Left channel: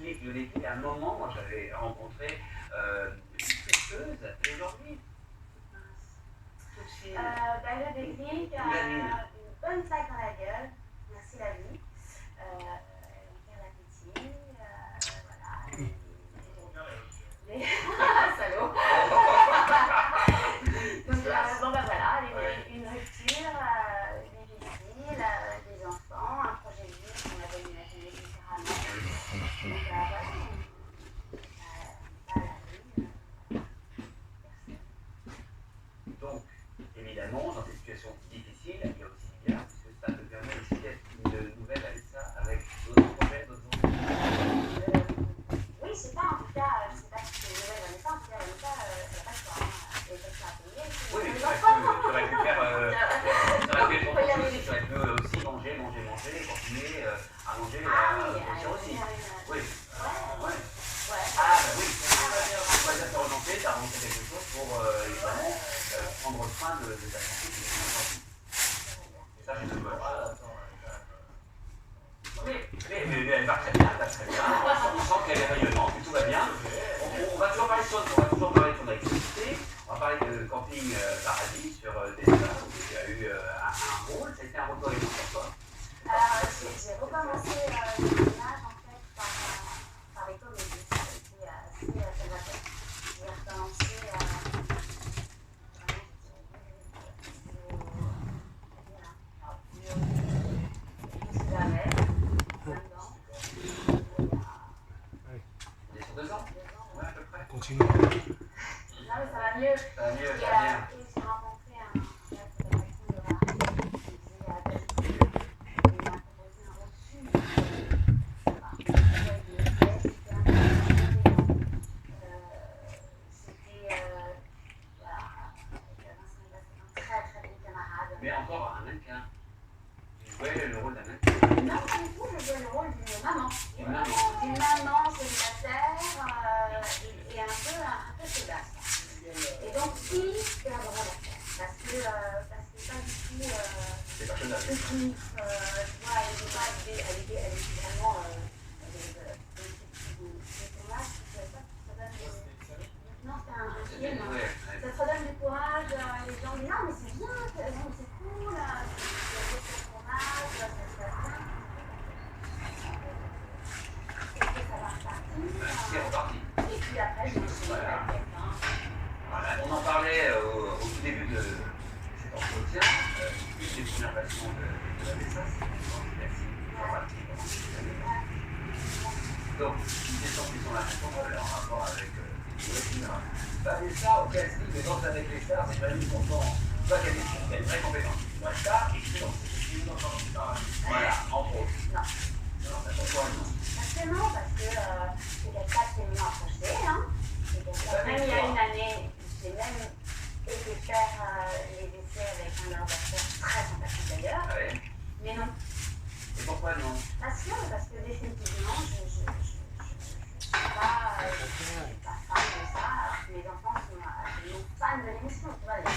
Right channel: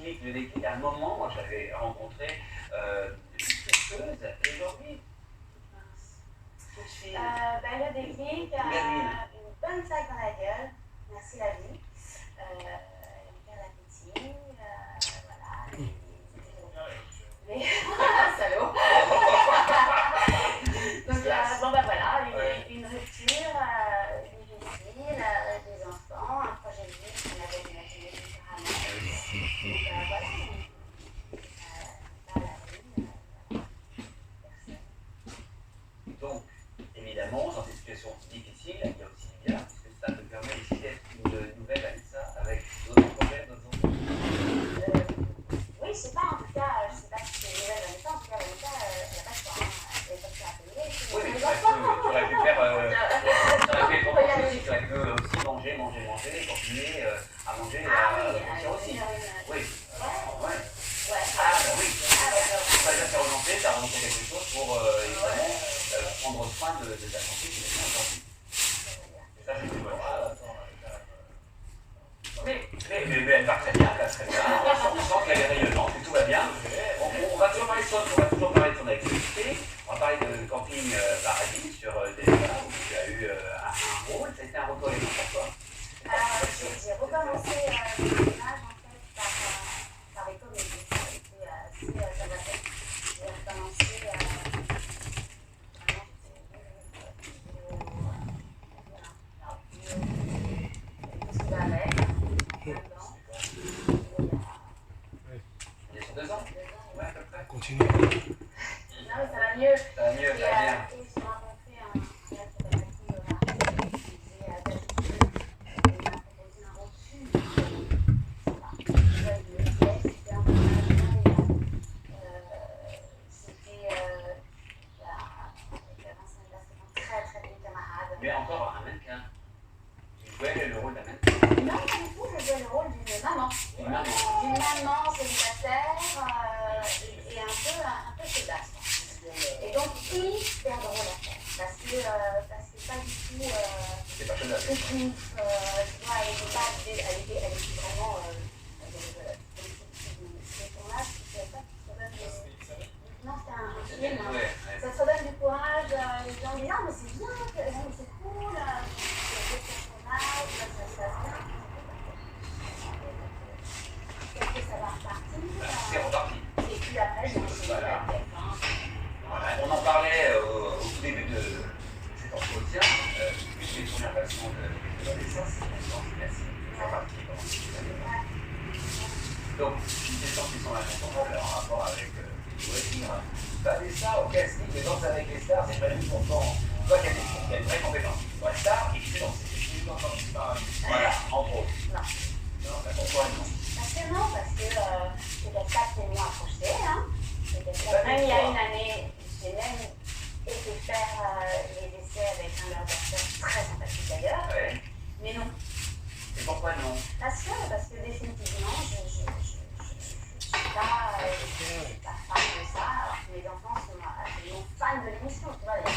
cynique de vécu. À un moment, moi, j'avais rencontré une testeuse, et aujourd'hui, tout de suite. Le déclic, une bonne claque dans la gueule. Merci la vie. Faire l'appétit. Voilà. Les... Salaud. Donc, bon, bah voilà, une rupture difficile, des enfants, un projet de vie qu'on avait imaginé différemment. Donc, évidemment, dans des situations difficiles, il y a aussi bien, parce que ça me permet aussi d'être une nouvelle Alissa avec d'autres projets, d'autres enjeux. Oui, je sais pas, en tout cas, je sais pas si c'est une nouvelle Alissa, en tout cas, Alissa, il n'y a pas de temps. Et comme ça, oui, mais tu aurais pu faire, tu aurais pu être en aussi, tu aurais pu aussi manger, continuer à manger aussi. Oui. Ouais. Ah, bah oui. Tu vas bien te relancer, tu as relancé quelque chose pour évidemment prendre soin de ta santé, c'est bien important. Et ça, c'est tout. Mais elle va très bien, on sent qu'elle est rayonnante, que tout va bien. On va toujours parler de son activité. On va parler de Camping Paradis sur TF1 où tu as eu un rôle. C'était un rôle cohérent pour toi. J'ai recommencé le tournage en fait par économie. Ça a été assez dramatique. J'ai recommencé Il est sur 2 ans. Ouais, à peu près. Continue. Non, mais ça va mieux. Ça va mieux, ça Et va bien. j'ai rencontré un qui faisait il m'a proposé un rôle super. C'était un peu très très bon camarade. Mais encore un mannequin. Tu jouais le rôle d'un mannequin. Non, pas du tout, je jouais le rôle d'une maman. Une maman. D'une maman célibataire et un peu chaudasse. Et donc hyper drôle à faire. Parce que pas du tout. C'est pas chaudasse. Tu vois, elle était pas. Elle était vraiment. Non, c'était un film. Ça te redonne du courage. Les gens disent ah, mais c'est bien, c'est cool. Ça se passe bien. Est-ce que ça va repartir? C'est reparti. Et puis après, je me suis dit, Voilà. On en parlait au tout début de cet entretien. Une des premières passions de Vanessa, c'est l'organisation. C'est reparti. Donc, les gens qui sont là, en rapport avec Vanessa, ok, c'est danse avec les stars, c'est vraiment content. Toi, il y a une vraie compétence. La star et qui sait danser. Voilà, entre autres. Non. Non, pas d'accord avec nous. Parce que non, parce que c'est quelqu'un qui est moins approché. Hein. Même il y a une année, j'ai même été faire les essais avec un ordinateur très sympathique d'ailleurs. Ouais. Mais non. Et pourquoi non? Parce que définitivement, je ne suis pas fan de ça. Alors que mes enfants sont absolument fans de l'émission. Tu vois, je ne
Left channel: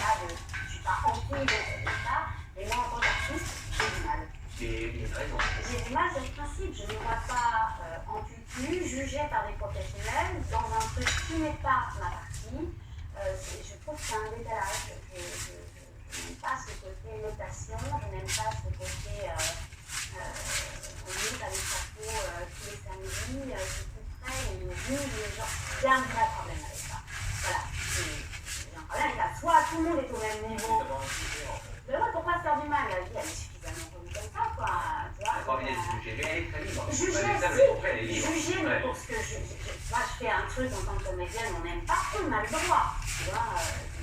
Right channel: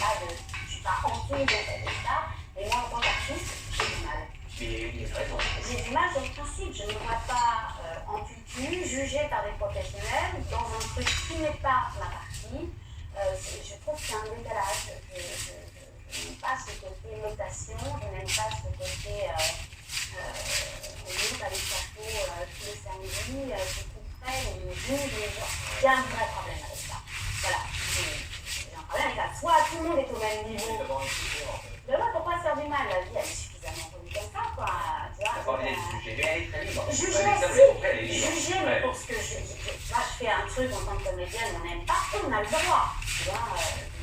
suis pas envie de faire ça. Mais moi, en tant qu'artiste, j'ai du mal. J'ai du mal sur le principe. Je ne me vois pas en tutu, jugée par des professionnels, dans un truc qui n'est pas ma partie. Je trouve qu'il y a un décalage. Je n'aime pas ce côté notation, je n'aime pas ce côté on est à l'échafaud tous les samedis, c'est tout frais, on juge les gens. Il y a un vrai problème avec ça. Voilà. J'ai un problème avec ça. Soit tout le monde est au même niveau. Mais ouais, pourquoi se faire du mal? La vie, elle est suffisamment connue comme ça, quoi. Tu vois, pas envie d'être jugé, mais elle est très libre. Juger, mais pour ce que moi, je fais un truc en tant que comédienne, on n'aime pas, on a le droit. Tu vois,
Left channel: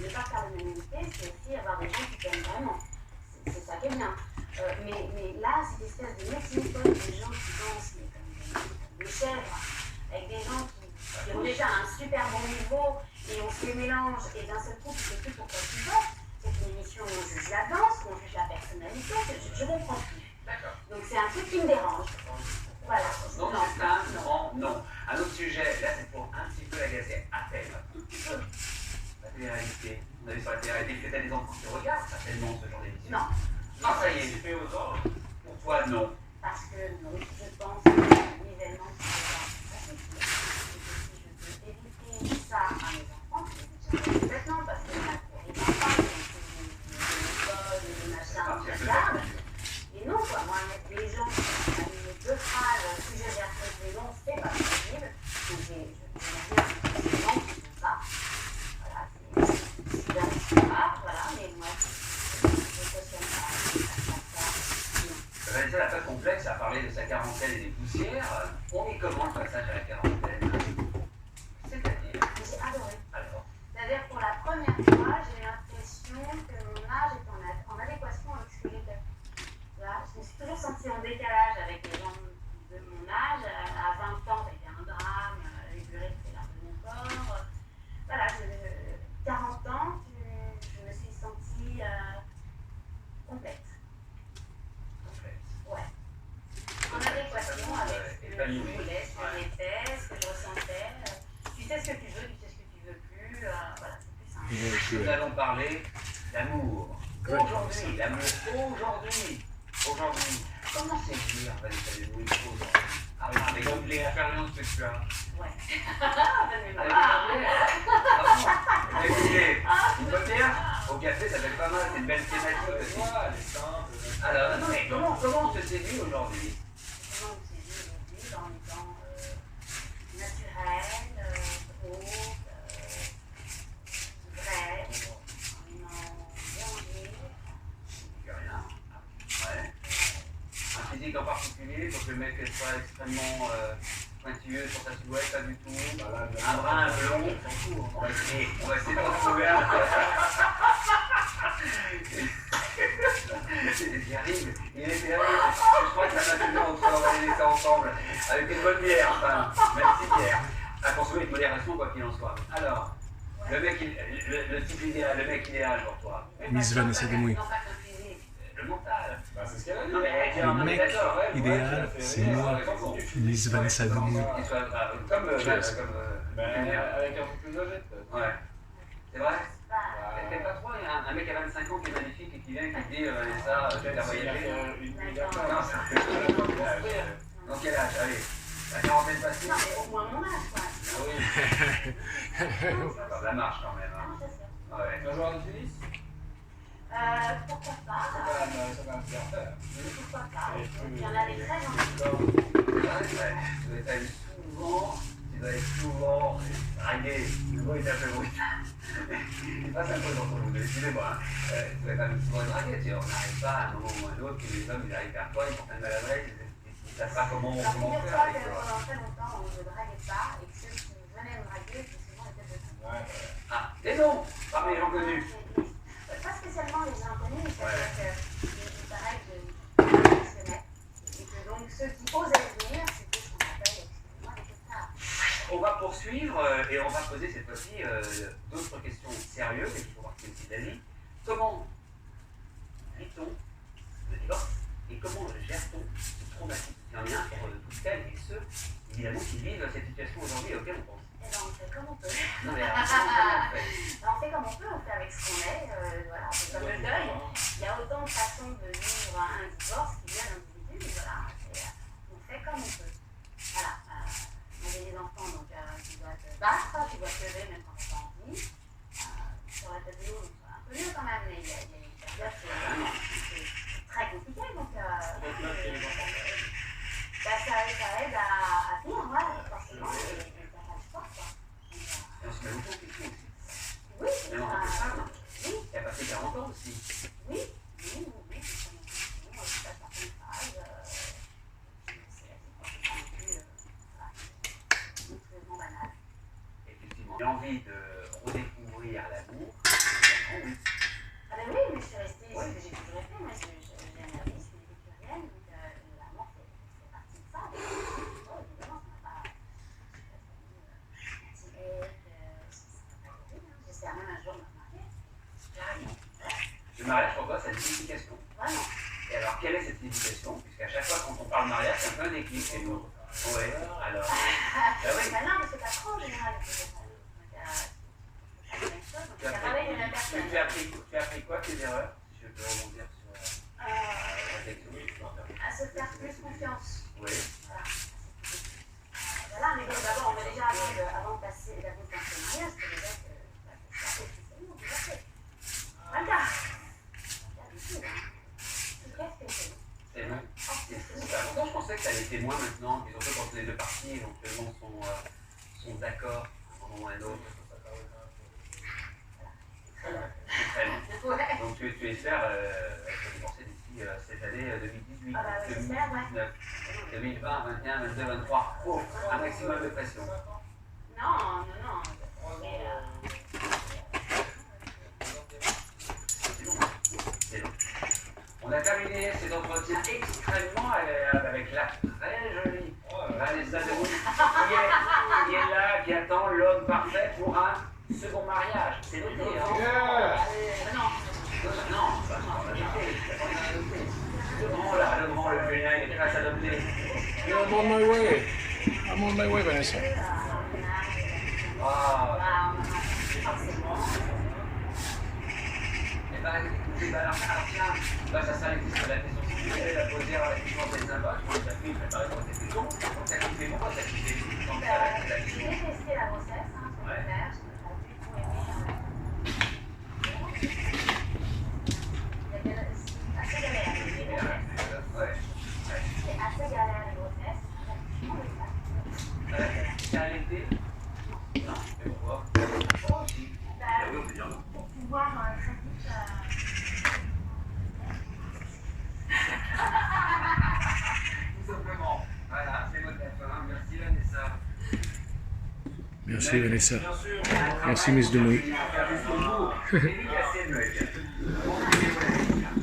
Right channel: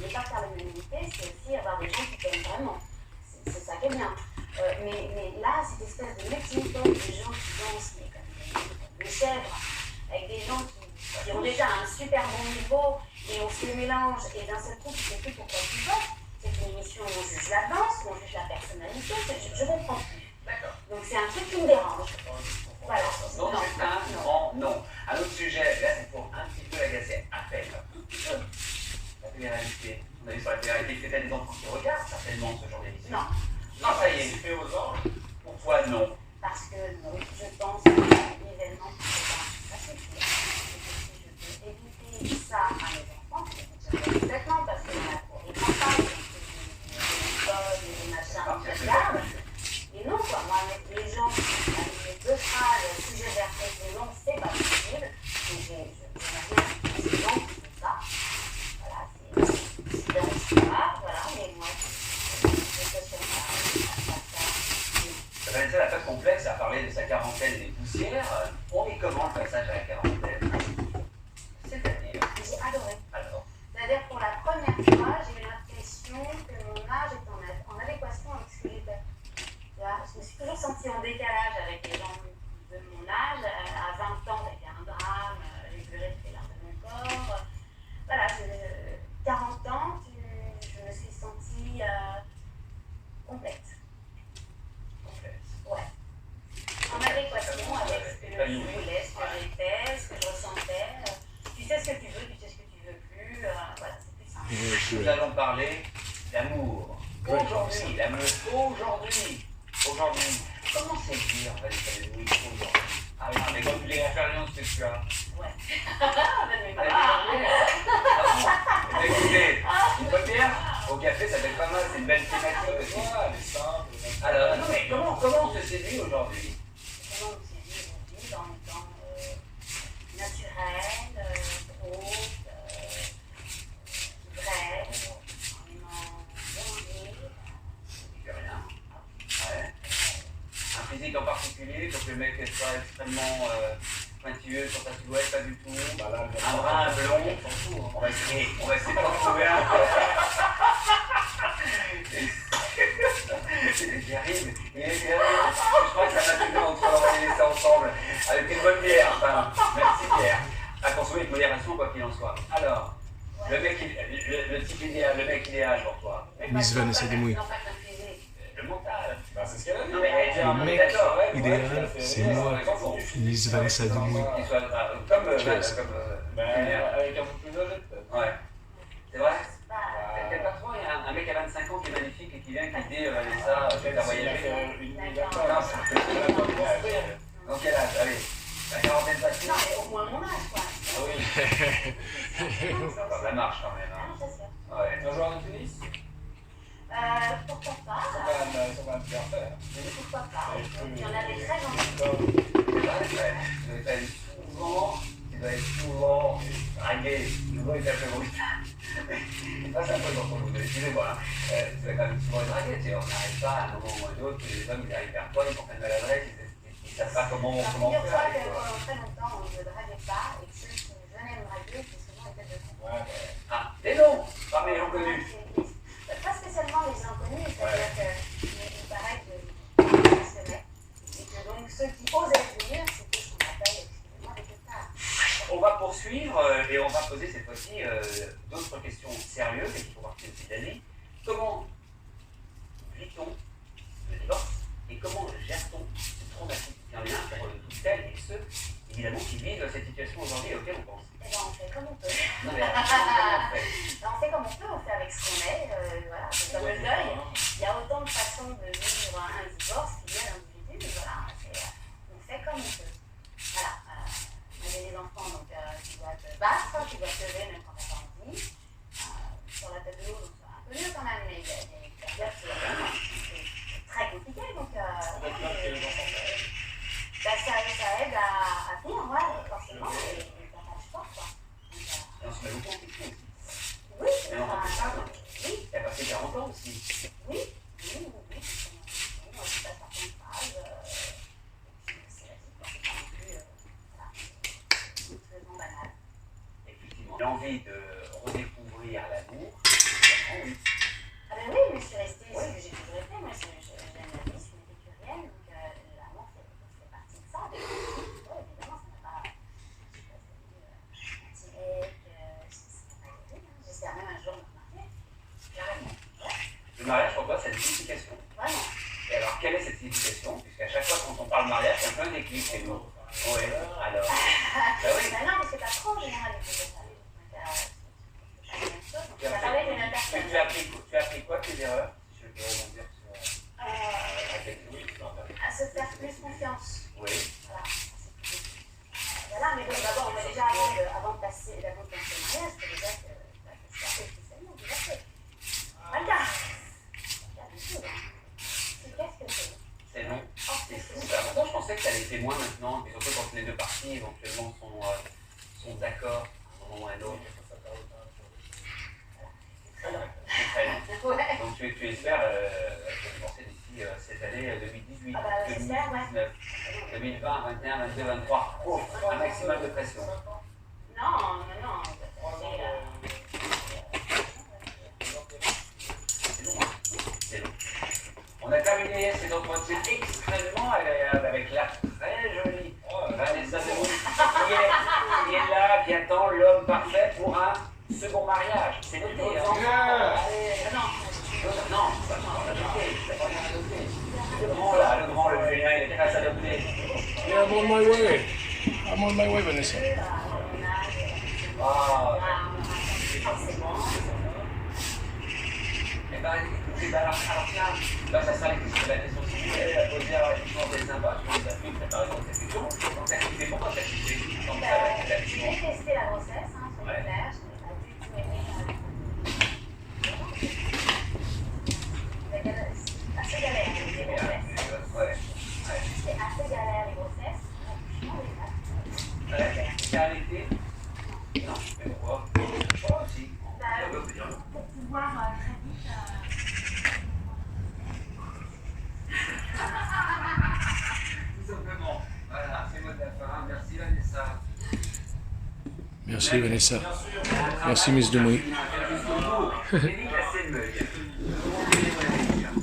ne pas faire l'unanimité, c'est aussi avoir des gens qui t'aiment vraiment. C'est ça qui est bien. Mais là, cette espèce de mixité de gens qui dansent, comme des chèvres, avec des gens qui ont déjà un super bon niveau, et on se les mélange, et d'un seul coup, tu sais plus pourquoi tu votes. C'est une émission où on juge la danse, où on juge la personnalité, je comprends plus. Donc c'est un truc qui me dérange. Voilà. Donc c'est un grand non. Un autre sujet, là c'est pour un petit peu agacer, appel, tout petit peu. La télé-réalité. On a vu sur la télé-réalité que t'as des enfants qui regardent certainement ce genre d'émission. Non. Ah ça y est, c'est fait aux anges. Pourquoi non? Parce que non, je pense que l'événement, c'est nous allons parler d'amour. Aujourd'hui, l'amour, aujourd'hui. Comment c'est dire, Vanessa Demouy, aujourd'hui? Ah oui, mais comme l'expérience que tu as. Ouais. Écoutez, une première, au café, ça fait pas mal, c'est une belle thématique aussi. Alors, non, mais comment on se séduit aujourd'hui? Comment on se séduit aujourd'hui en étant naturel, drôle, vrai, en aimant bonjour. Il fait rien. Ouais. Un physique en particulier, faut que le mec soit extrêmement pointilleux sur sa silhouette, pas du tout. Un brin, un blond, on s'en fout. On va essayer de en trouver un. J'y arrive. Je crois que ça m'a tenu entre organiser ça ensemble. Avec une bonne bière, enfin, même si bière. Attention avec modération, quoi qu'il en soit. Alors, le type idéal, le mec idéal pour toi. Miss Vanessa Demouy. Le mental. Le mec idéal, c'est moi, Miss Vanessa Demouy. Cheers. Avec un peu plus âgé, peut-être. Ouais. C'est vrai? Peut-être pas trop, il y a un mec à 25 ans qui est magnifique et qui vient qui dit Vanessa, je vais voyager. Donc quel âge? Allez, la quarantaine passée. Non, mais au moins mon âge, quoi. Ah oui. Ça marche quand même. Non, c'est sûr. Ouais. Un joueur de tennis? Pourquoi pas? Ça va me faire faire. Pourquoi pas? Il y en a des très gentils. Tu dois être souvent arrivé. Le mot est un peu brut. Ça, c'est un peu dans ton mot. Excusez-moi. Tu vas quand même souvent être dragué. On n'arrive pas à un moment ou l'autre que les hommes ils arrivent vers toi, ils portent une maladresse, ils ne savent pas comment faire. Figure-toi que pendant très longtemps, on ne draguait pas et ceux qui venaient me draguer, c'est souvent étaient de ça. Ah, des noms parmi les gens connus. Pas spécialement les inconnus, c'est-à-dire qu'il paraît que les passionnés et que donc ceux qui osaient venir, c'était ce qu'on appelle, excusez-moi, les pétards. On va poursuivre et on va poser cette fois-ci d'autres questions sérieuses et qui font partie aussi de la vie. Comment vit-on le divorce et comment gère-t-on ce traumatisme? Il y en a un pour toutes celles et ceux, évidemment, qui vivent cette situation aujourd'hui auquel on pense. Eh bien, on fait comme on peut. Non, mais On fait comme on peut, on fait avec ce qu'on est. Voilà, c'est comme le deuil. Il y a autant de façons de vivre un divorce qu'il y a d'individus, mais voilà, on fait comme on peut. Voilà. On a des enfants donc, qui doivent se battre, qui doivent se lever même quand on n'a pas envie. Sur la tête de l'eau, donc c'est un peu mieux quand même, mais il y a des périodes c'est très compliqué. Donc, ça aide à vivre, forcément, et ça marche pas, quoi. Et on se met beaucoup en question aussi. Oui, Mais on rend plus simple. oui. Il a passé 40 ans aussi. Oui. On se passe certaines phrases. C'est forcément plus très banal. Effectivement. J'ai envie de redécouvrir l'amour. Oui. Ah ben oui, mais je suis restée, ce que j'ai toujours fait, moi j'aime la vie, je suis une épicurienne, donc l'amour fait partie de ça. Évidemment, ça n'a pas j'espère même un jour me marier. Carrément. Le mariage, pour toi, c'est une signification. Vraiment. Et alors, quelle est cette signification? Puisqu'à chaque fois quand on parle mariage, c'est un peu un déclic chez nous. Oui, alors. Oui. Ben non, mais c'est pas trop général. Tu as appris quoi tes erreurs? Si je peux rebondir sur la question. À se faire plus confiance. Oui. Voilà, mais bon, d'abord, on a déjà, avant de passer au mariage, c'est déjà que c'est officiellement divorcé. Voilà. Qu'est-ce que c'est? C'est long. Avant, je pensais que ça l'était moins maintenant, et surtout quand les deux parties éventuellement sont d'accord à un moment ou à un autre. Donc tu espères te divorcer d'ici cette année 2018, Ah bah, 2019, 2020, 2021, 2022, 2023. Oh, un maximum de pression. Non. C'est long. On a terminé ces entretiens extrêmement agréables avec la très jolie Vanessa Demouy qui est là, qui attend l'homme parfait pour un second mariage. C'est noté, hein? Non, le grand, le féminin, il est prêt à s'adopter. Yeah, I'm on my way. I'm on my way, Vanessa. Ah, bah, écoutez, bah, alors tiens, bah, ça sera la question suivante, à poser à l'équivalent des sympas, je pense qu'il y a plus préparé dans cette question. Donc, t'as quitté pour quand t'as quitté? Donc, J'ai détesté la grossesse, hein, je vais le faire, je n'ai pas du tout aimé. C'est assez galère, les grossesses. ouais. C'est assez galère, les grossesses. T'as arrêté? Non, mais pourquoi? Moi aussi. Oui, on peut dire. Pour pouvoir très vite. Tout simplement. Voilà, c'est mot de la fin. Merci Vanessa. Merci Vanessa. Merci Miss Demouy.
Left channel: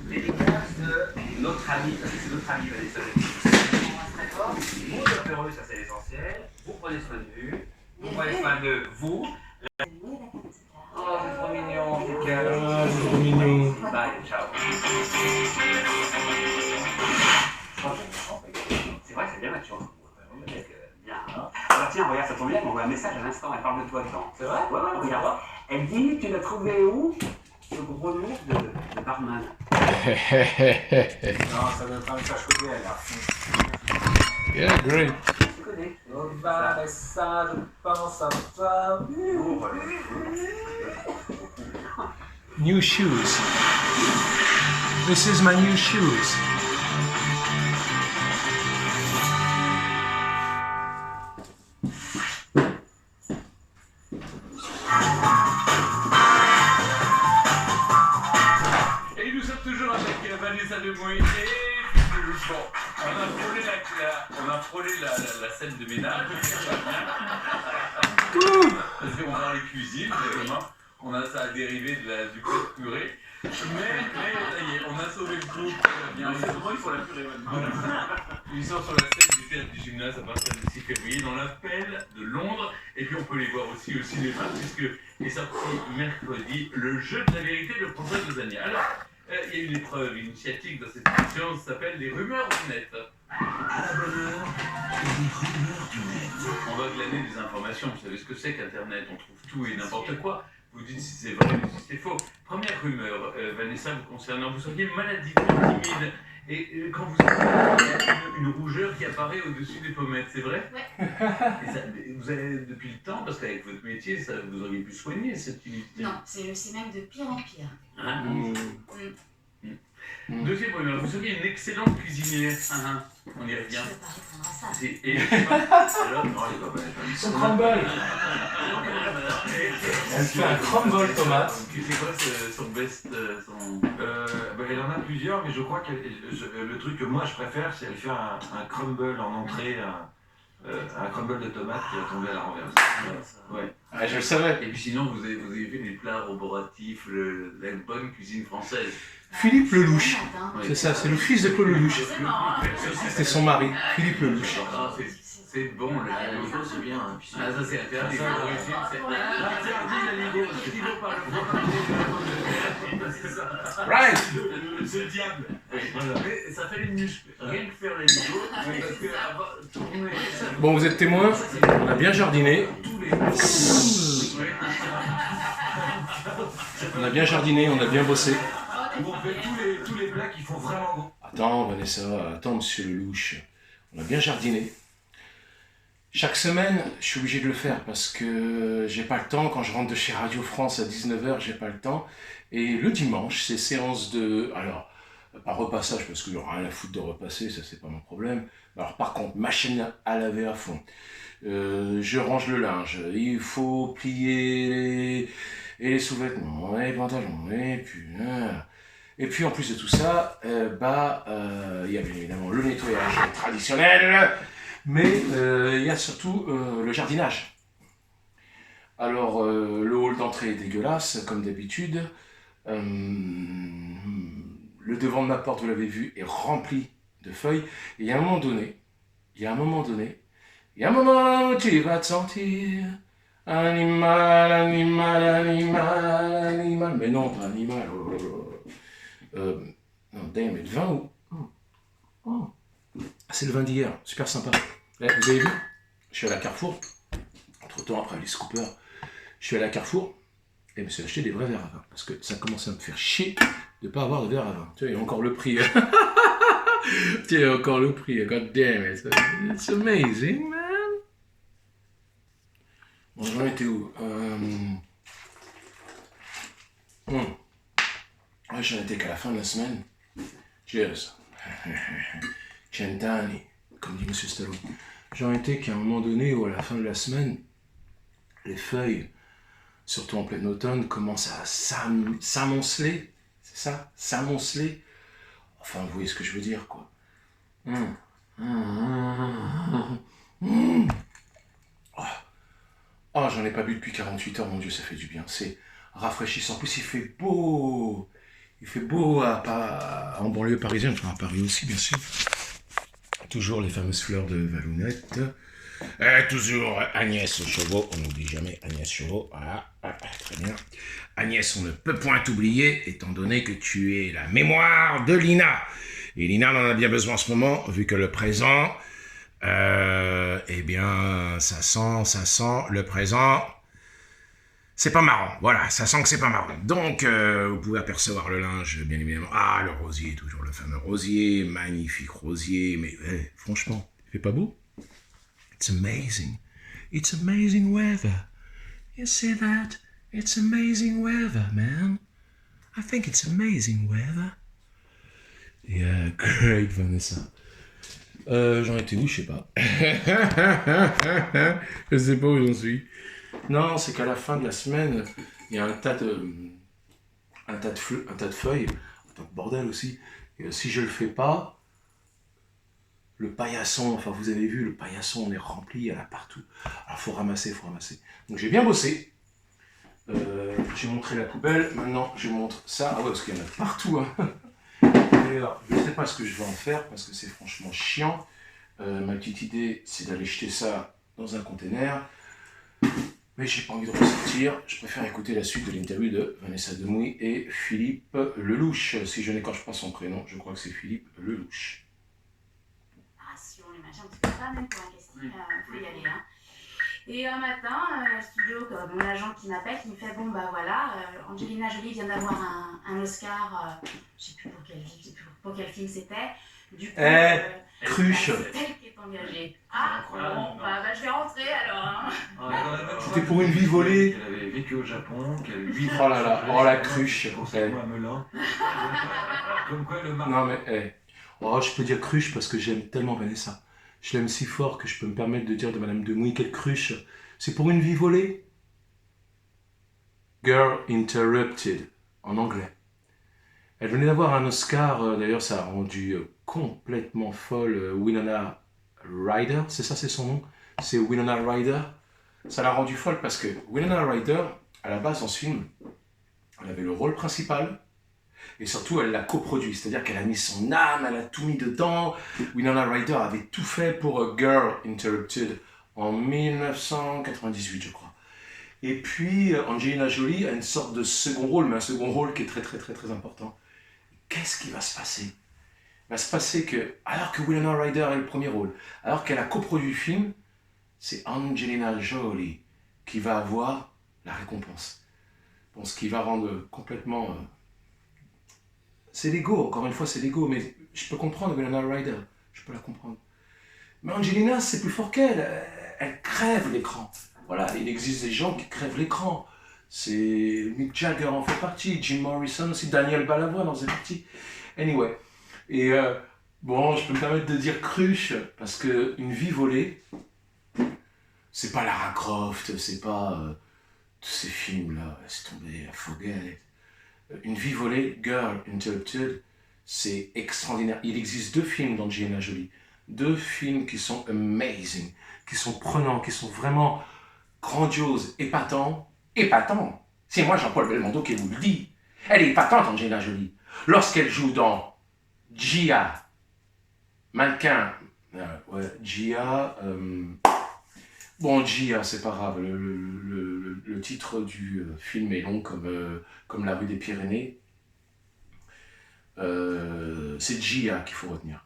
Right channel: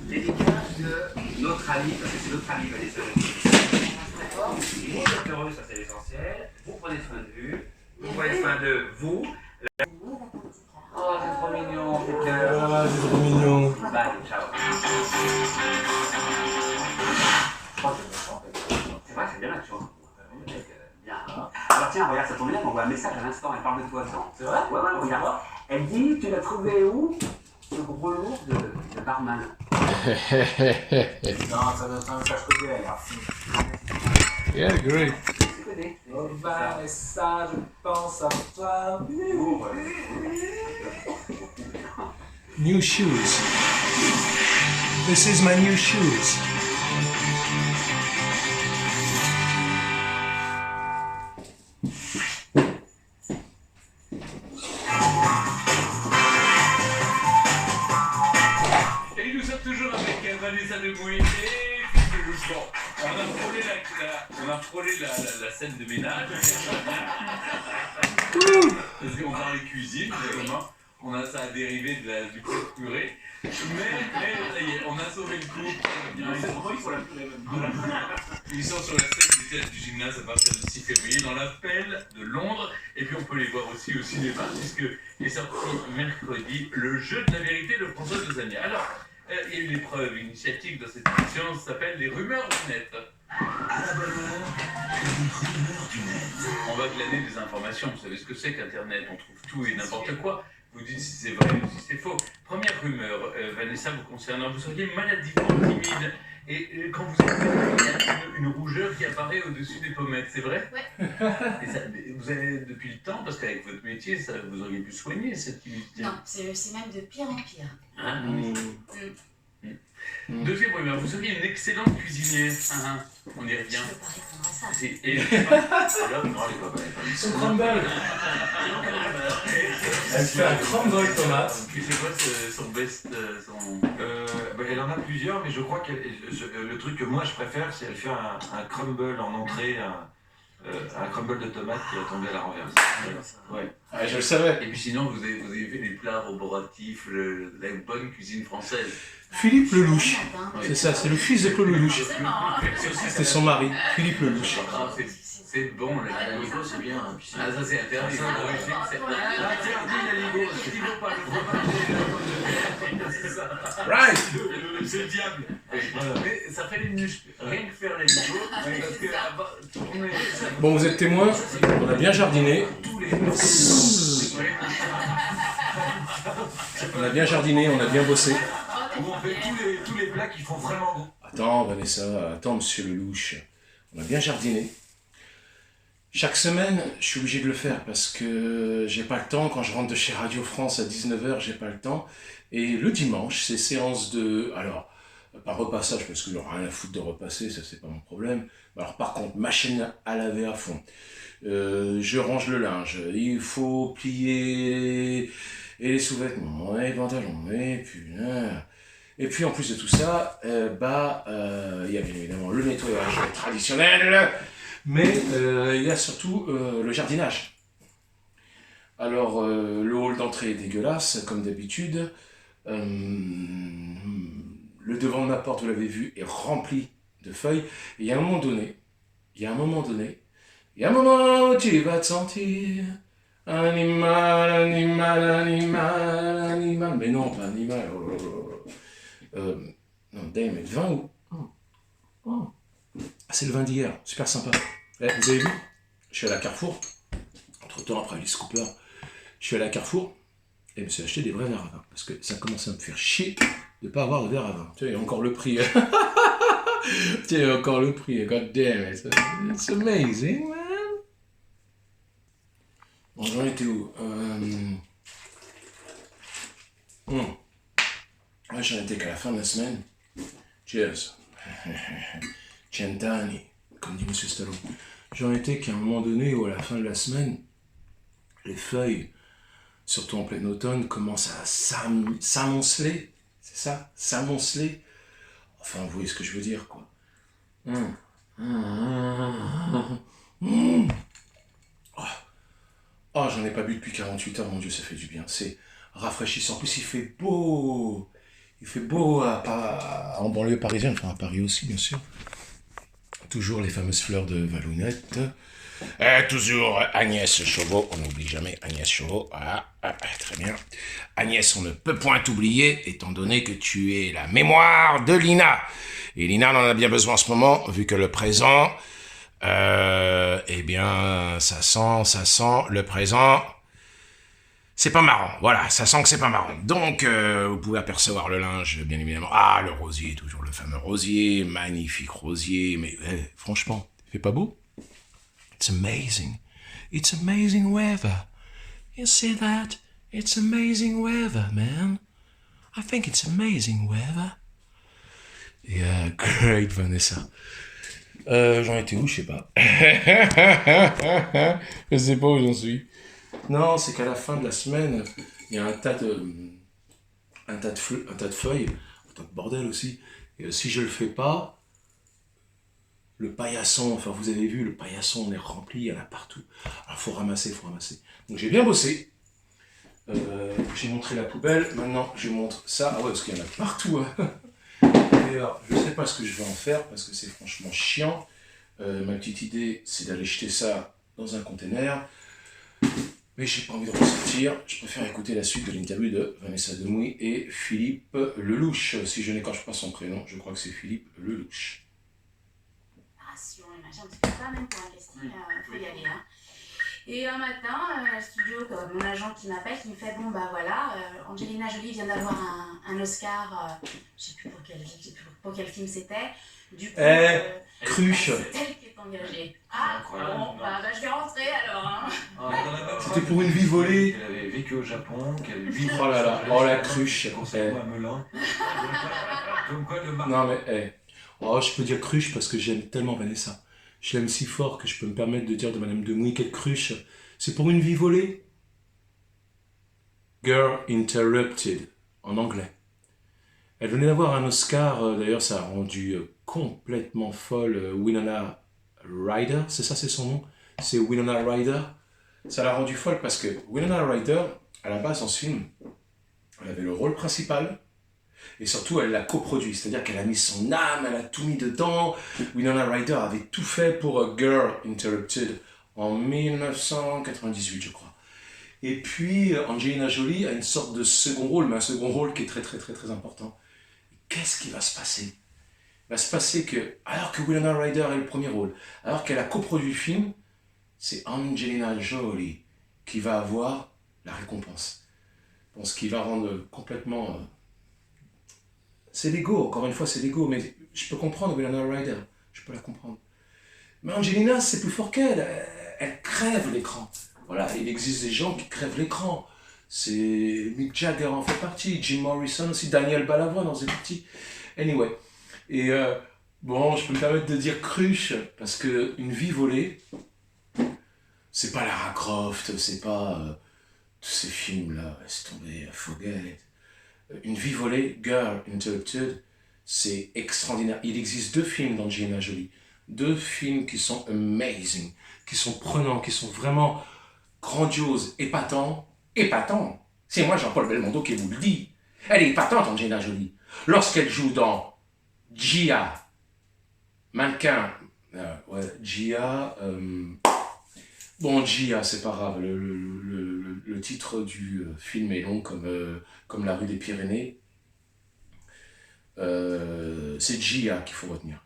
Dédicace de notre ami, parce que c'est notre ami Vanessa. Vous êtes heureux, ça c'est l'essentiel. Vous prenez soin de vous. Vous prenez soin de vous. Oh, c'est trop mignon, tes cœurs. Ah, c'est trop mignon. Bye, ciao. Je pense que je me chante. C'est vrai, c'est bien la chance. Bien. Ah bah tiens, regarde, ça tombe bien, on voit un message à l'instant, elle parle de toi dedans. C'est vrai? Ouais, regarde. Elle dit, tu l'as trouvé où? Ce gros lourd de barman. Non, ça doit être un cache-côté, là. Yeah, great. Tu connais? Oh, Vanessa, je pense à toi. New shoes. This is my new shoes. Et nous sommes toujours avec Vanessa Demouy et Philippe Lelouch. Bon, on a frôlé la scène de ménage. Parce qu'on parle des cuisines, vraiment. Ça a dérivé du coup de purée. Mais ça y est, on a sauvé le coup. Ils sont la purée maintenant. Ils sont sur la scène du théâtre du gymnase à partir du 6 février dans l'appel de Londres. Et puis on peut les voir aussi au cinéma, puisque est sorti mercredi Le jeu de la vérité de François Dezania. Alors, il y a une épreuve initiatique dans cette émission, ça s'appelle les rumeurs du net. À la bonne heure, les rumeurs du net. On va glaner des informations. Vous savez ce que c'est qu'Internet? On trouve tout et n'importe quoi. Vous dites si c'est vrai ou si c'est faux. Première rumeur, Vanessa, vous concernant, vous seriez maladivement timide. Et quand vous avez il y a une rougeur qui apparaît au-dessus des pommettes, c'est vrai? Ouais. Et ça, vous avez depuis le temps, parce qu'avec votre métier, ça, vous auriez pu soigner cette timidité. Non, c'est même de pire en pire. Hein? Deuxième rumeur, vous seriez une excellente cuisinière. On y Je revient. peux pas répondre à ça. Et alors, non, les copains, Son crumble. Elle fait un crumble tomate. c'est quoi son best, son... Elle en a plusieurs, mais je crois que le truc que moi je préfère, c'est elle fait un crumble en entrée, un crumble de tomate qui va tomber à la renverse. Ouais. Ah, je le savais. Et puis sinon, vous avez fait des plats roboratifs, la bonne cuisine française. Philippe Lelouch. Hein. C'est ça, c'est le fils de Paul Lelouch. C'est marrant. C'était son mari, Philippe Lelouch. Ah, c'est bon, le Ligo, c'est bien. Ah, ça c'est interdit. L'origine, c'est interdit, le Ligo. Ce qui vaut pas le c'est ça. Right. C'est le diable. Mais ça fait les muscles. Rien que faire les Ligo, parce que tourner... Bon, vous êtes témoins, on a bien jardiné. Tous les... On a bien jardiné, on a bien bossé. Où on fait tous les plats qui font vraiment bon. Attends, Vanessa, attends, monsieur Lelouch. On a bien jardiné. Chaque semaine, je suis obligé de le faire parce que j'ai pas le temps. Quand je rentre de chez Radio France à 19h, j'ai pas le temps. Et le dimanche, c'est séance de... Alors, pas repassage parce qu'il n'y aura rien à foutre de repasser, ça c'est pas mon problème. Alors par contre, machine à laver à fond. Je range le linge. Il faut plier les sous-vêtements, les pantalons, et puis en plus de tout ça, il y a bien évidemment le nettoyage traditionnel, mais il y a surtout le jardinage. Alors le hall d'entrée est dégueulasse, comme d'habitude. Le devant de ma porte, vous l'avez vu, est rempli de feuilles. Et il y a un moment donné, où tu vas te sentir animal. Mais non, pas animal. Non, damn it, vin ou... Oh. Ah, c'est le vin d'hier, super sympa. Vous avez vu? Je suis à la Carrefour. Entre temps, après les scoopers, je suis à la Carrefour. et je me suis acheté des vrais verres à vin. Parce que ça commençait à me faire chier de ne pas avoir de verre à vin. Tu vois, il y a encore le prix. Tu sais, encore le prix. God damn it. It's amazing, man. Bon, j'en étais où Ouais, j'en étais qu'à la fin de la semaine. Cheers. Cent'anni, comme dit M. Stallone. J'en étais qu'à un moment donné où à la fin de la semaine, les feuilles, surtout en plein automne, commencent à s'amonceler. C'est ça? S'amonceler. Enfin, vous voyez ce que je veux dire, quoi. Oh, j'en ai pas bu depuis 48 heures, mon Dieu, ça fait du bien. C'est rafraîchissant. En plus, il fait beau. Il fait beau en banlieue parisienne, enfin à Paris aussi, bien sûr. Toujours les fameuses fleurs de Valounette. Toujours Agnès Chauveau, on n'oublie jamais Agnès Chauveau. Voilà, très bien. Agnès, on ne peut point t'oublier, étant donné que tu es la mémoire de Lina. Et Lina en a bien besoin en ce moment, vu que le présent, eh bien, ça sent le présent. C'est pas marrant, voilà, ça sent que c'est pas marrant. Donc, vous pouvez apercevoir le linge, bien évidemment. Ah, le rosier, toujours le fameux rosier, magnifique rosier, mais franchement, il fait pas beau? It's amazing. It's amazing weather. You see that? It's amazing weather, man. I think it's amazing weather. Yeah, great, Vanessa. J'en étais où? Je sais pas. Je sais pas où j'en suis. Non, c'est qu'à la fin de la semaine, il y a un tas de feuilles, un tas de bordel aussi. Et si je le fais pas, le paillasson, enfin vous avez vu, le paillasson on est rempli, il y en a partout. Alors faut ramasser. Donc j'ai bien bossé. J'ai montré la poubelle, maintenant je montre ça. Ah ouais, parce qu'il y en a partout. Hein. D'ailleurs, je sais pas ce que je vais en faire parce que c'est franchement chiant. Ma petite idée, c'est d'aller jeter ça dans un container. Mais j'ai pas envie de ressortir, je préfère écouter la suite de l'interview de Vanessa Demouy et Philippe Lelouch. Si je n'écorche pas son prénom, je crois que c'est Philippe Lelouch. Imagine, tu peux pas même pour un casting, faut y aller. Hein. Et un matin, studio, mon agent qui m'appelle, qui me fait bon bah voilà, Angelina Jolie vient d'avoir un Oscar, je sais plus pour quel film c'était. Du coup, Cruche. C'est elle qui est engagée. Ah bon, bah je vais rentrer alors. Hein. C'était pour une vie volée. Elle avait vécu au Japon, qu'elle avait 8 Oh là là, oh la cruche. Pour ça, à Melun. Comme quoi le Non mais, oh, je peux dire cruche parce que j'aime tellement Vanessa. Je l'aime si fort que je peux me permettre de dire de Madame Demouy quelle cruche. C'est pour une vie volée. Girl Interrupted, en anglais. Elle venait d'avoir un Oscar, d'ailleurs ça a rendu complètement folle Winona Ryder, c'est ça, c'est son nom? C'est Winona Ryder. Ça l'a rendu folle parce que Winona Ryder, à la base dans ce film, elle avait le rôle principal et surtout elle l'a coproduit, c'est-à-dire qu'elle a mis son âme, elle a tout mis dedans. Winona Ryder avait tout fait pour Girl Interrupted en 1998 je crois. Et puis Angelina Jolie a une sorte de second rôle, mais un second rôle qui est très très très très important. Qu'est-ce qui va se passer? Il va se passer que, alors que Winona Ryder est le premier rôle, alors qu'elle a coproduit le film, c'est Angelina Jolie qui va avoir la récompense. Bon, ce qui va rendre complètement... C'est l'ego, encore une fois, c'est l'ego, mais je peux comprendre Winona Ryder, je peux la comprendre. Mais Angelina, c'est plus fort qu'elle, elle crève l'écran. Voilà, il existe des gens qui crèvent l'écran. C'est Mick Jagger en fait partie, Jim Morrison aussi, Daniel Balavoine en faisait partie. Anyway. Et bon, je peux me permettre de dire cruche, parce qu'une vie volée, c'est pas Lara Croft, c'est pas tous ces films-là, laisse tomber, forget. Une vie volée, Girl Interrupted, c'est extraordinaire. Il existe 2 films d'Angelina Jolie, 2 films qui sont amazing, qui sont prenants, qui sont vraiment grandioses, épatants. Épatants. C'est moi Jean-Paul Belmondo qui vous le dit. Elle est épatante, Angelina Jolie. Lorsqu'elle joue dans Gia, mannequin, Gia, bon Gia, c'est pas grave, le titre du film est long comme la rue des Pyrénées. C'est Gia qu'il faut retenir.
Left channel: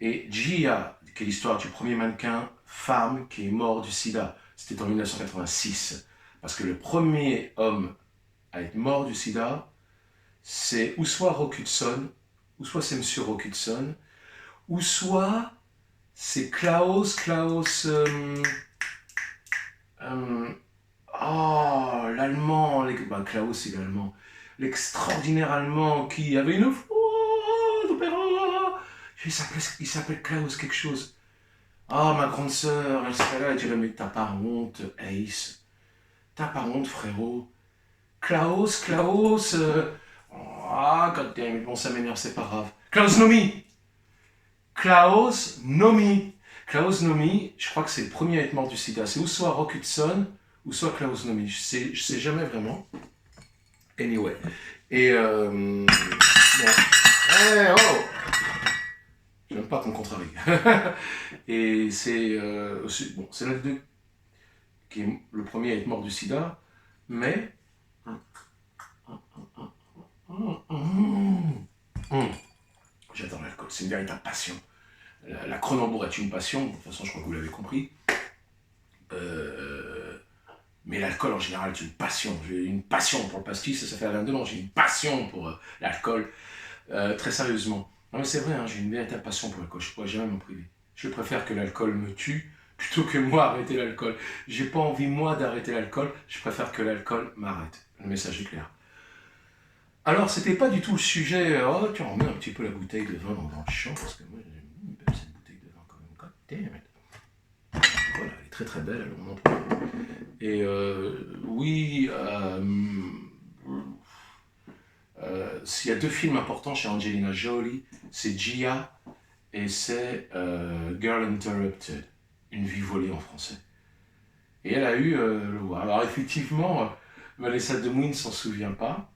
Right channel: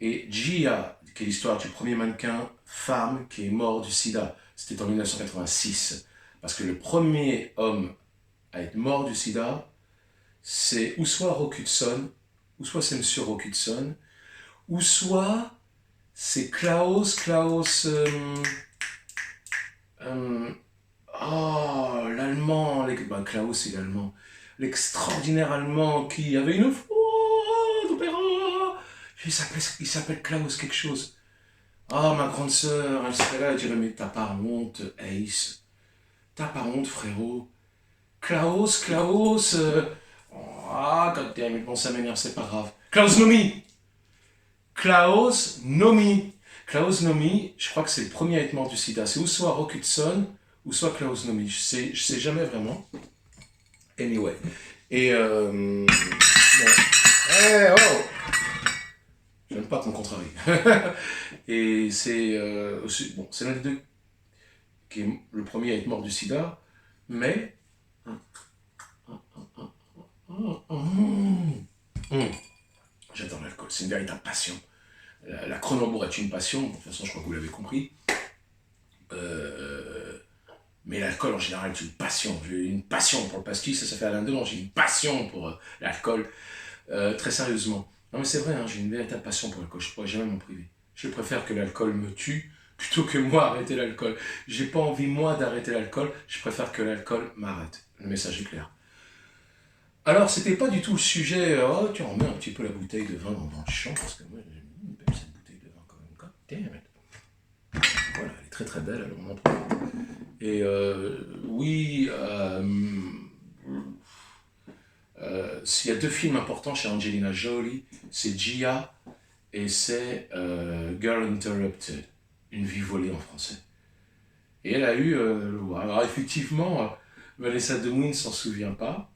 Et Gia, qui est l'histoire du premier mannequin femme qui est mort du sida, c'était en 1986. Parce que le premier homme à être mort du sida, c'est ou soit Rock Hudson, ou soit c'est Monsieur Rock Hudson, ou soit c'est Klaus, l'Allemand, Klaus c'est l'Allemand, l'extraordinaire Allemand qui avait une voix d'opéra, il s'appelle Klaus quelque chose. Ah, ma grande sœur, elle serait là et dirait, mais t'as pas honte, Ace, t'as pas honte, frérot. Klaus, goddammit, bon, ça m'énerve, c'est pas grave. Klaus Nomi, je crois que c'est le premier à être mort du sida. C'est ou soit Rock Hudson, ou soit Klaus Nomi. Je sais jamais vraiment. Anyway. Et bon. Hey, oh! J'aime pas qu'on contrarie. Et c'est c'est l'un des deux qui est le premier à être mort du sida, mais j'adore l'alcool, c'est une véritable passion. La Kronenbourg est une passion, de toute façon je crois que vous l'avez compris. Mais l'alcool en général est une passion. J'ai une passion pour le pastis, ça fait Alain Delon, j'ai une passion pour l'alcool, très sérieusement. Non mais c'est vrai, hein, j'ai une véritable passion pour l'alcool, je ne pourrais jamais m'en priver. Je préfère que l'alcool me tue plutôt que moi arrêter l'alcool. J'ai pas envie moi d'arrêter l'alcool, je préfère que l'alcool m'arrête. Le message est clair. Alors c'était pas du tout le sujet, oh tu remets un petit peu la bouteille de vin dans le champ, parce que moi j'aime bien cette bouteille de vin quand même. God damn it. Voilà, elle est très très belle, alors on en profite. Et oui, s'il y a deux films importants chez Angelina Jolie, c'est Gia et c'est Girl Interrupted, une vie volée en français. Et elle a eu le roi. Alors effectivement, Vanessa Demouy ne s'en souvient pas.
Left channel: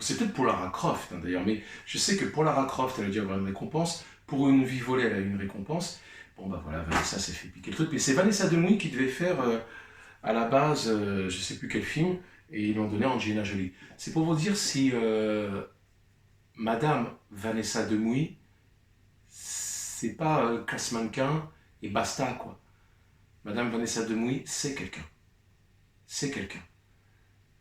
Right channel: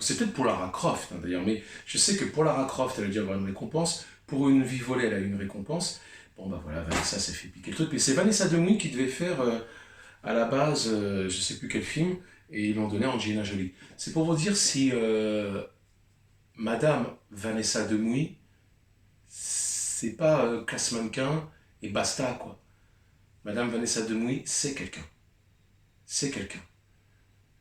C'est peut-être pour Lara Croft hein, d'ailleurs, mais je sais que pour Lara Croft, elle a dû avoir une récompense. Pour une vie volée, elle a eu une récompense. Bon bah voilà, Vanessa s'est fait piquer le truc. Mais c'est Vanessa Demouy qui devait faire à la base, je sais plus quel film, et ils l'ont donné à Angelina Jolie. C'est pour vous dire si Madame Vanessa Demouy, c'est pas classe mannequin et basta quoi. Madame Vanessa Demouy, c'est quelqu'un. C'est quelqu'un.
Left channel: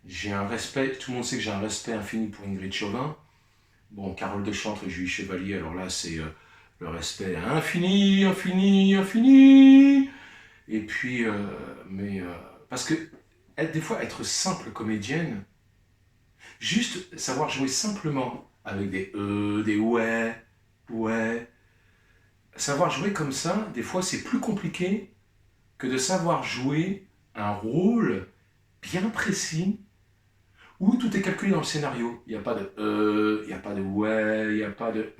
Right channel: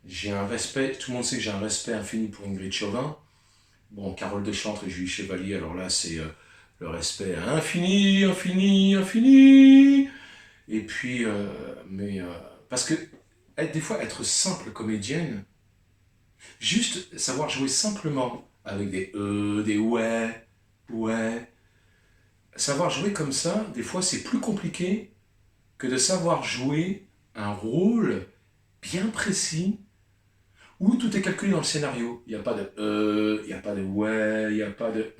J'ai un respect, tout le monde sait que j'ai un respect infini pour Ingrid Chauvin. Bon, Carole Deschantre et Julie Chevalier, alors là c'est le respect infini. Et puis, parce que des fois être simple comédienne, juste savoir jouer simplement avec des des ouais, savoir jouer comme ça, des fois c'est plus compliqué que de savoir jouer un rôle bien précis où tout est calculé dans le scénario. Il n'y a pas de il n'y a pas de ouais, il n'y a pas de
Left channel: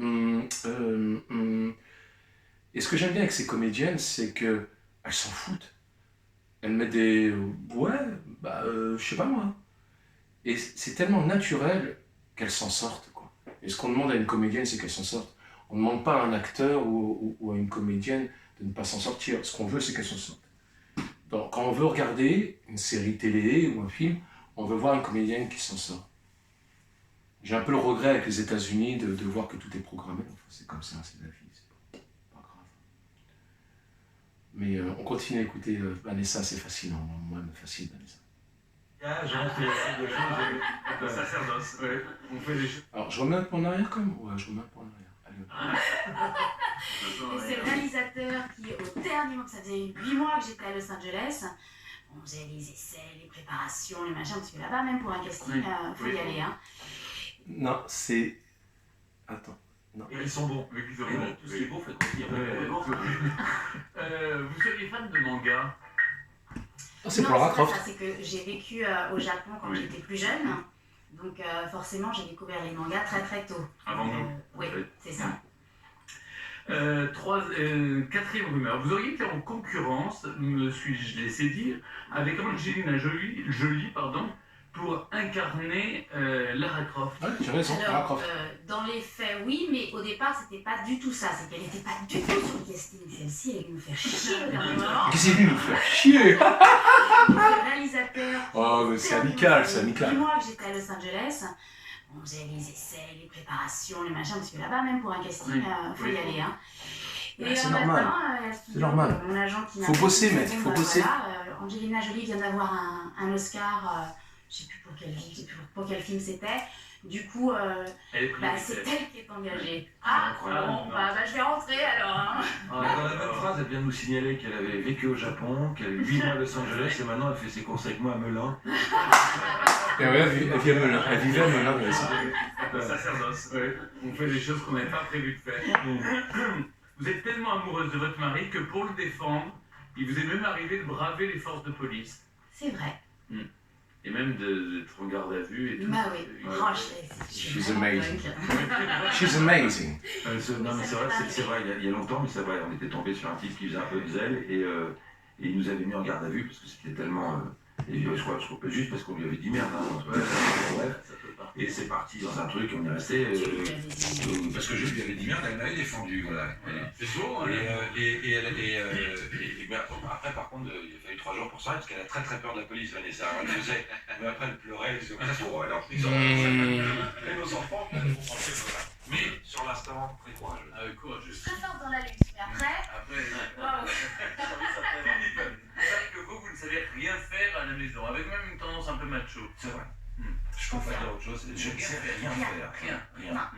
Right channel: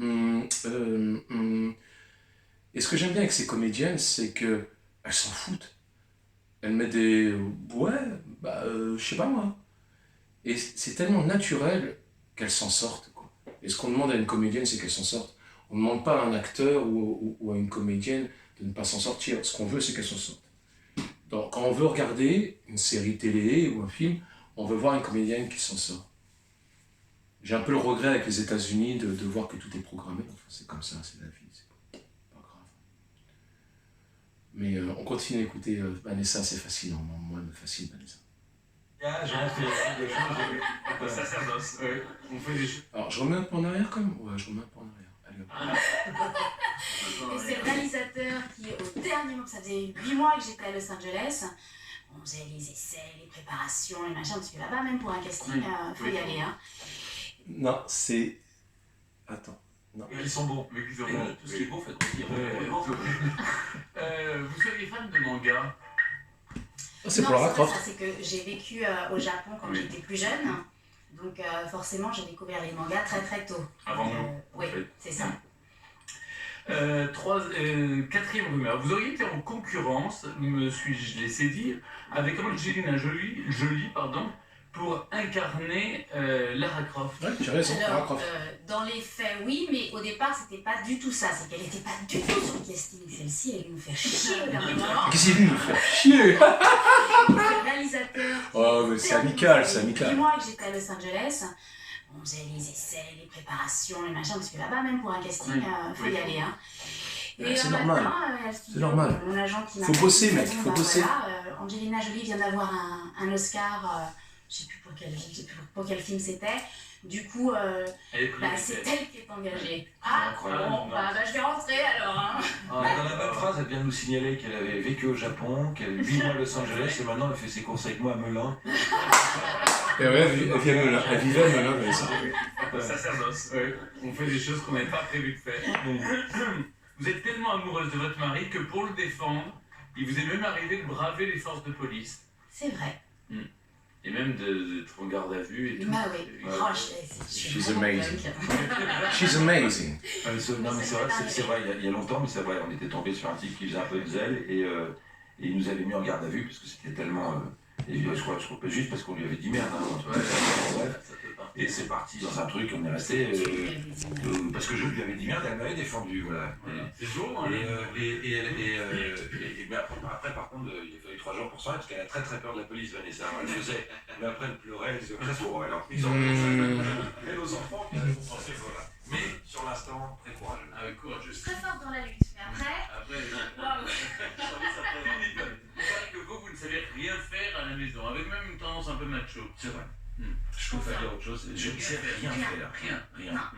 Et ce que j'aime bien avec ces comédiennes, c'est que elles s'en foutent. Elles mettent des ouais, je sais pas moi. Et c'est tellement naturel qu'elles s'en sortent, quoi. Et ce qu'on demande à une comédienne, c'est qu'elle s'en sorte. On ne demande pas à un acteur ou à une comédienne de ne pas s'en sortir. Ce qu'on veut, c'est qu'elle s'en sorte. Donc, quand on veut regarder une série télé ou un film, on veut voir une comédienne qui s'en sort. J'ai un peu le regret avec les États-Unis de voir que tout est programmé. Enfin, c'est comme ça, c'est la vie, c'est pas grave. Mais on continue à écouter Vanessa, c'est fascinant. Moi, elle me fascine, Vanessa. On fait des choses. Le sacerdoce, ouais. On fait des choses. Alors, je remets un peu en arrière quand même. Ouais, je remets un peu en arrière. Allez, hop. Et c'est le réalisateur qui, au dernier moment, ça faisait 8 mois que j'étais à Los Angeles, on faisait les essais, les préparations, les machins, parce que là-bas, même pour un casting, faut y aller. Hein. Non, c'est... Attends. Non. Et ils sont bons. Tout ce qui est beau fait grossir. Vous seriez fan de manga? C'est pour Lara Croft. C'est que j'ai vécu au Japon quand j'étais plus jeune, donc forcément j'ai découvert les mangas très très tôt. Avant nous. Oui, c'est ça. Quatrième rumeur. Vous auriez été en concurrence, me suis-je laissé dire, avec Angelina Jolie, pour incarner Lara Croft. Ouais, tu as raison, Lara Croft. Dans les faits, oui, mais au départ, c'était pas du tout ça. C'est qu'elle était pas du tout sur le casting. Celle-ci, elle nous fait chier au dernier moment. Qu'est-ce qu'il est venu nous faire chier? Le réalisateur. Oh, mais c'est amical, c'est amical. 8 mois que j'étais à Los Angeles, on faisait les essais, les préparations, les machins, parce que là-bas, même pour un casting, faut y aller. Hein. Et c'est normal. C'est normal. Mon agent qui faut bosser, mec, faut bosser. Voilà, Angelina Jolie vient d'avoir un Oscar je sais plus pour quel film c'était. Du coup, c'est elle qui est engagée. Ah, bon, je vais rentrer alors. Hein. Dans la même phrase, elle vient de nous signaler qu'elle avait vécu au Japon, qu'elle vit à Los Angeles et maintenant elle fait ses courses avec moi à Melun. Et ouais, elle vivait à Melun, ouais, ça. Sacerdoce, ouais. On fait des choses qu'on n'avait pas prévu de faire. Vous êtes tellement amoureuse de votre mari que pour le défendre, il vous est même arrivé de braver les forces de police. C'est vrai. Et même d'être en garde à vue et tout. Bah oui. She's amazing. She's amazing. Non mais c'est vrai, il y a longtemps, mais c'est vrai, on était tombé sur un type qui faisait un peu de zèle et il nous avait mis en garde à vue parce que c'était tellement... Et je crois juste parce qu'on lui avait dit merde. Et c'est parti dans un truc, on est resté... parce que je lui avais dit merde, elle m'avait défendu, voilà. C'est souvent, hein. Mais après, par contre, il a fallu 3 jours pour ça, parce qu'elle a très très peur de la police, Vanessa. Elle faisait, mais après elle pleurait, elle disait, ça se trouve, elle a pris et nos enfants, qui ont pensé, voilà. Mais sur l'instant, très courageux. Ah, courageux. Très forte dans la lutte, mais après... Waouh. Que vous ne savez rien faire à la maison, avec même une tendance un peu macho. C'est vrai. Je peux faire autre chose, je ne sais rien faire. Rien.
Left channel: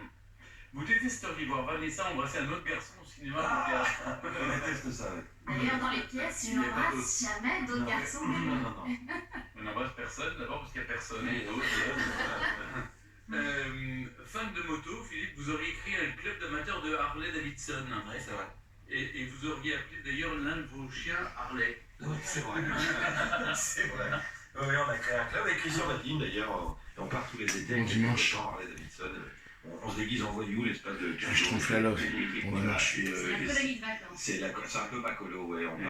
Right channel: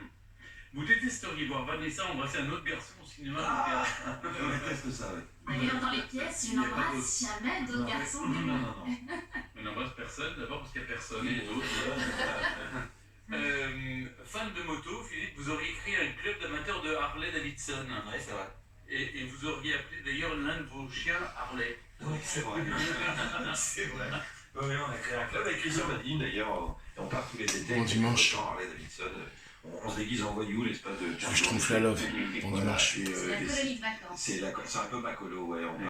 Vous détesteriez voir Vanessa embrasser un autre garçon au cinéma ou au théâtre. Je déteste ça, oui. D'ailleurs, dans les pièces, je n'embrasse jamais d'autres garçons. Non. On n'embrasse personne, d'abord parce qu'il n'y a personne. Fan de moto, Philippe, vous auriez créé un club d'amateurs de Harley Davidson. Oui, c'est vrai. Et vous auriez appelé d'ailleurs l'un de vos chiens Harley. Oui, c'est vrai. C'est vrai. Oui, on a créé un club avec Christian Badine d'ailleurs. On part tous les étés. Bon dimanche. Harley Davidson. On se déguise en voyou l'espace de... Je trompe la love. Bon dimanche. C'est la colonie de vacances. C'est un peu macolo, ouais.